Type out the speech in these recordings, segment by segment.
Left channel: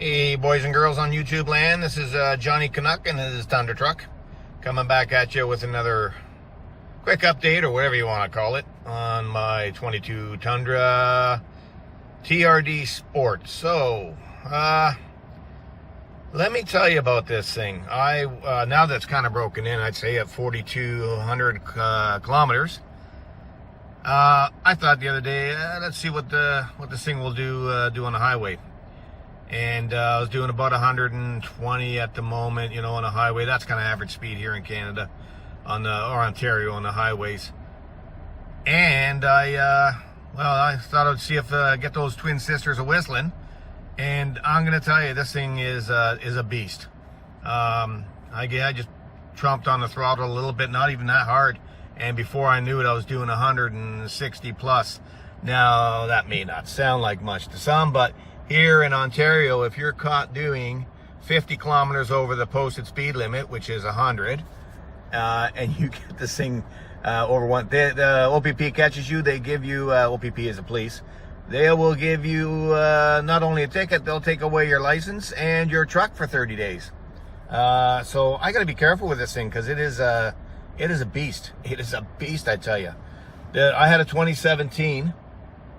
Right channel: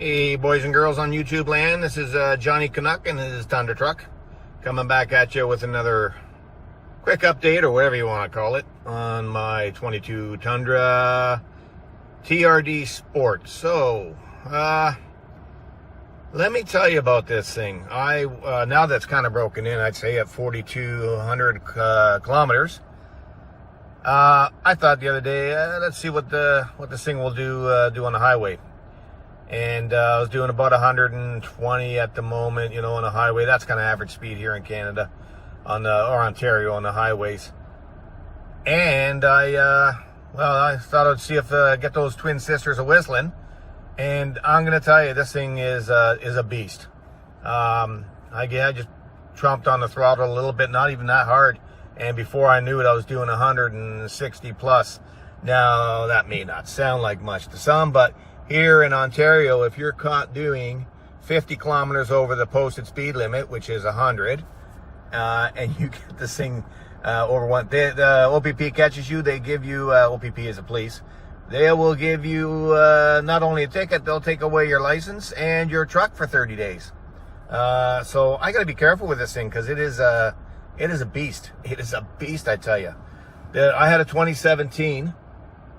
Hey boys and girls on YouTube land, this is Johnny Canuck and his Tundra truck coming back at you with another quick update, or whatever you want to call it, on my 22 Tundra TRD Sport. So let me tell you about this thing. Now that's kind of broken in, I'd say at 4,200 kilometers. I thought the other day, let's see what this thing will do on the highway. And I was doing about 120 at the moment, you know, on a highway. That's kind of average speed here in Canada, or Ontario on the highways. And I thought I'd see if get those twin sisters a whistling. And I'm gonna tell you, this thing is a beast. I just tromped on the throttle a little bit, not even that hard. And before I knew it, I was doing 160 plus. Now that may not sound like much to some, but here in Ontario, if you're caught doing 50 kilometers over the posted speed limit, which is 100, and you get this thing over one, the OPP catches you, they give you, OPP is a police, they will give you not only a ticket, they'll take away your license and your truck for 30 days. So I gotta be careful with this thing, because it is a beast. It is a beast, I tell you. I had a 2017,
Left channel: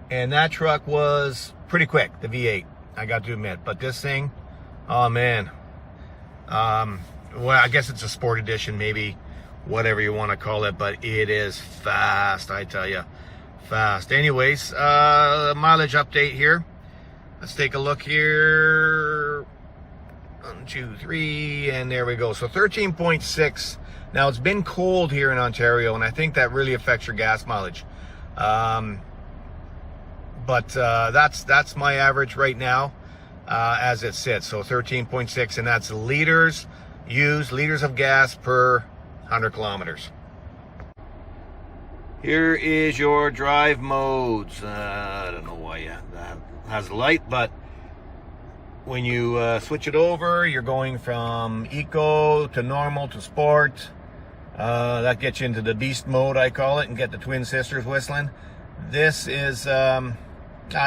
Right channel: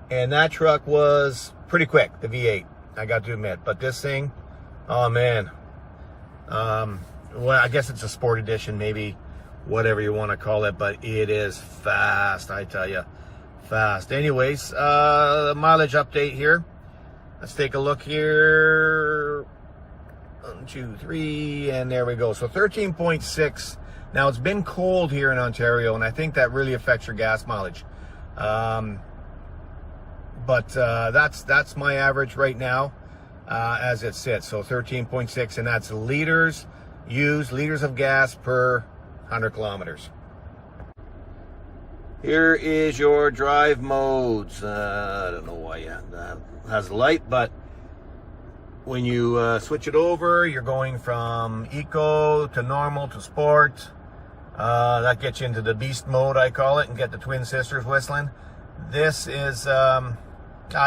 and that truck was pretty quick, the V8, I got to admit. But this thing, oh man, well, I guess it's a sport edition, maybe, whatever you want to call it, but it is fast, I tell you, fast. Anyways, mileage update here. Let's take a look here. 1, 2, 3, and there we go. So 13.6. Now, it's been cold here in Ontario, and I think that really affects your gas mileage. But that's my average right now as it sits. So 13.6, and that's liters of gas per 100 kilometers. Here is your drive modes. I don't know why that has a light, but when you switch it over, you're going from eco to normal to sport. That gets you into the beast mode, I call it, and get the twin sisters whistling. This is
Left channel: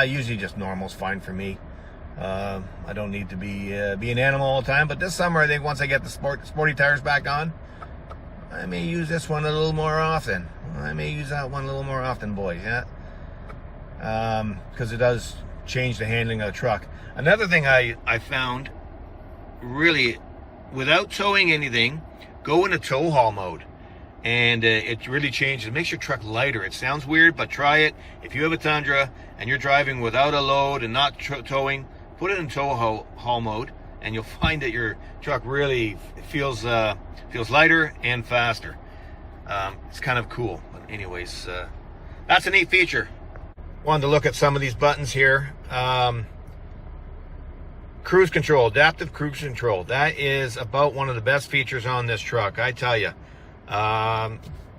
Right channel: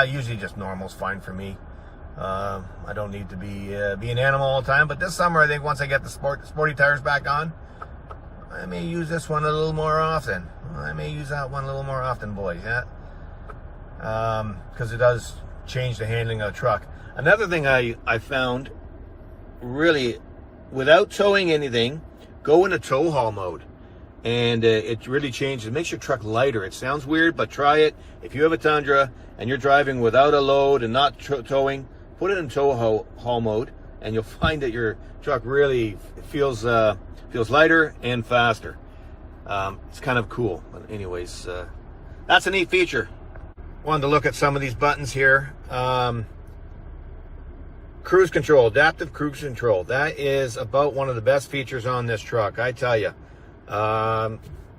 usually just normal's fine for me. I don't need to be an animal all the time, but this summer, I think once I get the sporty tires back on, I may use this one a little more often. I may use that one a little more often, boys, yeah? Because it does change the handling of the truck. Another thing I found, really, without towing anything, go into tow haul mode, and it really changes. It makes your truck lighter. It sounds weird, but try it. If you have a Tundra and you're driving without a load and not towing, put it in tow haul mode, and you'll find that your truck really feels lighter and faster. It's kind of cool. But anyways, that's a neat feature. Wanted to look at some of these buttons here. Cruise control, adaptive cruise control. That is about one of the best features on this truck, I tell you.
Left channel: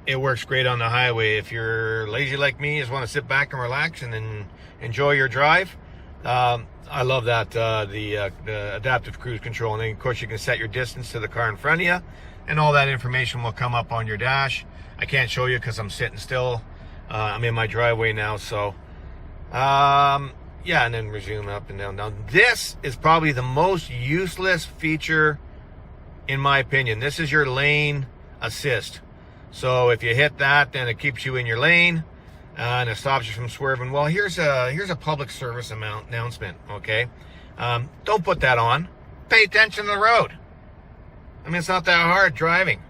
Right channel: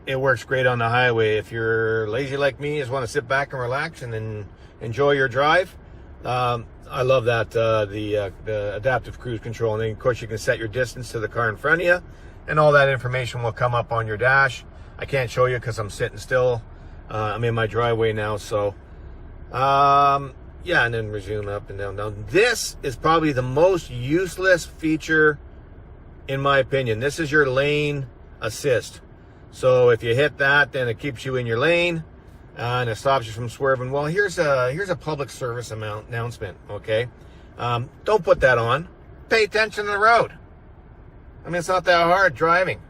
It works great on the highway. If you're lazy like me, just want to sit back and relax and then enjoy your drive, I love that, the adaptive cruise control. And then, of course, you can set your distance to the car in front of you, and all that information will come up on your dash. I can't show you because I'm sitting still. I'm in my driveway now, so yeah, and then resume up and down. Now, this is probably the most useless feature, in my opinion. This is your lane assist. So if you hit that, then it keeps you in your lane, and it stops you from swerving. Well, here's a public service announcement, okay? Don't put that on. Pay attention to the road. I mean, it's not that hard driving.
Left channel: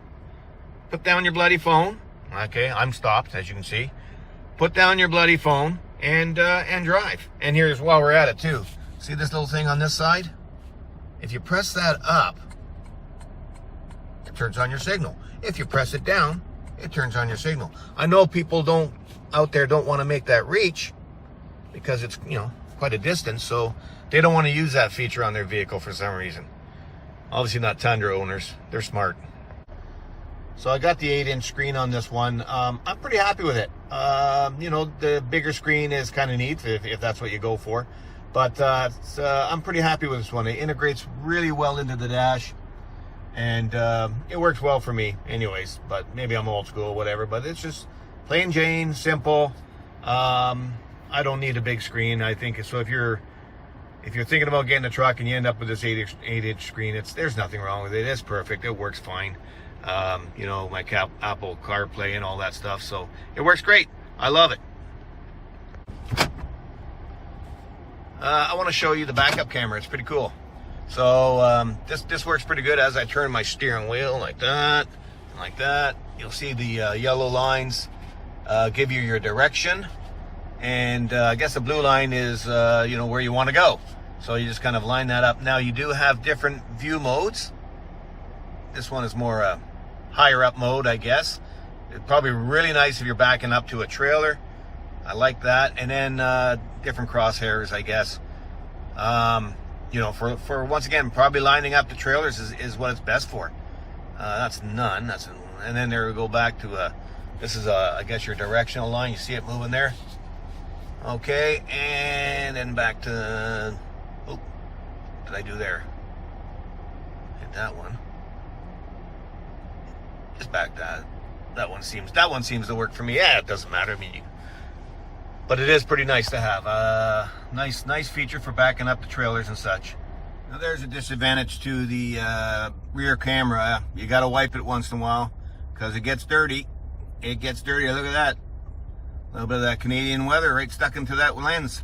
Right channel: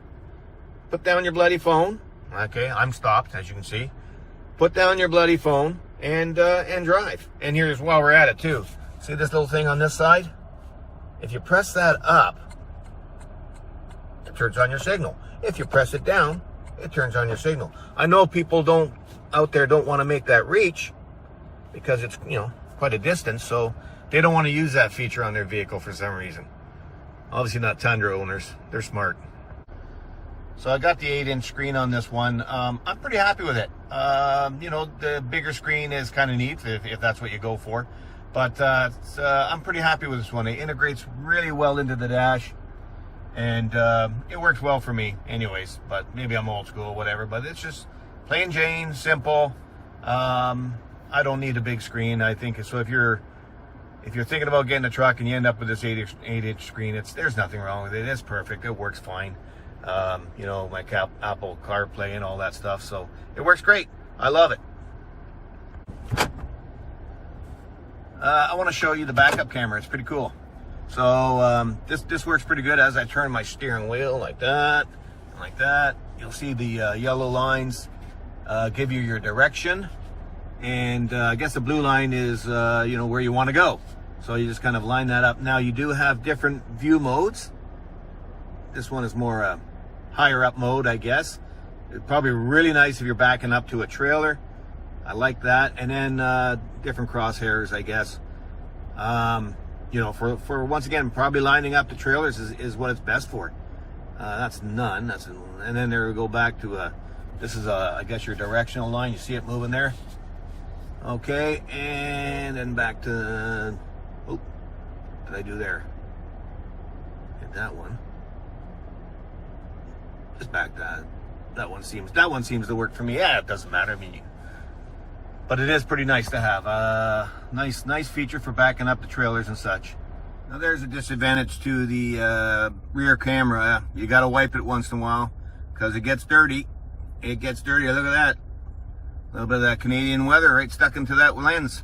Put down your bloody phone. Okay, I'm stopped, as you can see. Put down your bloody phone and drive. And here's, while we're at it too, see this little thing on this side? If you press that up, it turns on your signal. If you press it down, it turns on your signal. I know people out there don't want to make that reach, because it's, you know, quite a distance, so they don't want to use that feature on their vehicle for some reason. Obviously not Tundra owners, they're smart. So I got the 8-inch screen on this one. I'm pretty happy with it. You know, the bigger screen is kind of neat if that's what you go for. But I'm pretty happy with this one. It integrates really well into the dash, and it works well for me anyways. But maybe I'm old school, whatever. But it's just plain Jane, simple. I don't need a big screen. I think so. If you're if you're thinking about getting a truck and you end up with this 8-inch screen, there's nothing wrong with it. It's perfect. It works fine. You know, my Apple CarPlay and all that stuff. So it works great. I love it. I want to show you the backup camera. It's pretty cool. So this works pretty good as I turn my steering wheel like that, and like that. You'll see the yellow lines give you your direction, and I guess the blue line is you know, where you want to go. So you just kind of line that up. Now you do have different view modes. This one is more higher up mode, I guess. It's probably really nice if you're backing up to a trailer. I like that. And then different crosshairs, I guess. You know, for once again, probably lining up to trailers is what it's best for. That's none. And then there we go back to this is I guess your directional line. You see it moving there. Okay, and then back to, oh, what did I do there? Hit that one. Just back that one seems to work for me. Yeah, it doesn't matter. I mean, but it is pretty nice to have. Nice feature for backing up the trailers and such. Now there's a disadvantage to the rear camera. You got to wipe it once in a while because it gets dirty. It gets dirty. Look at that. A little bit of that Canadian weather right stuck into that lens.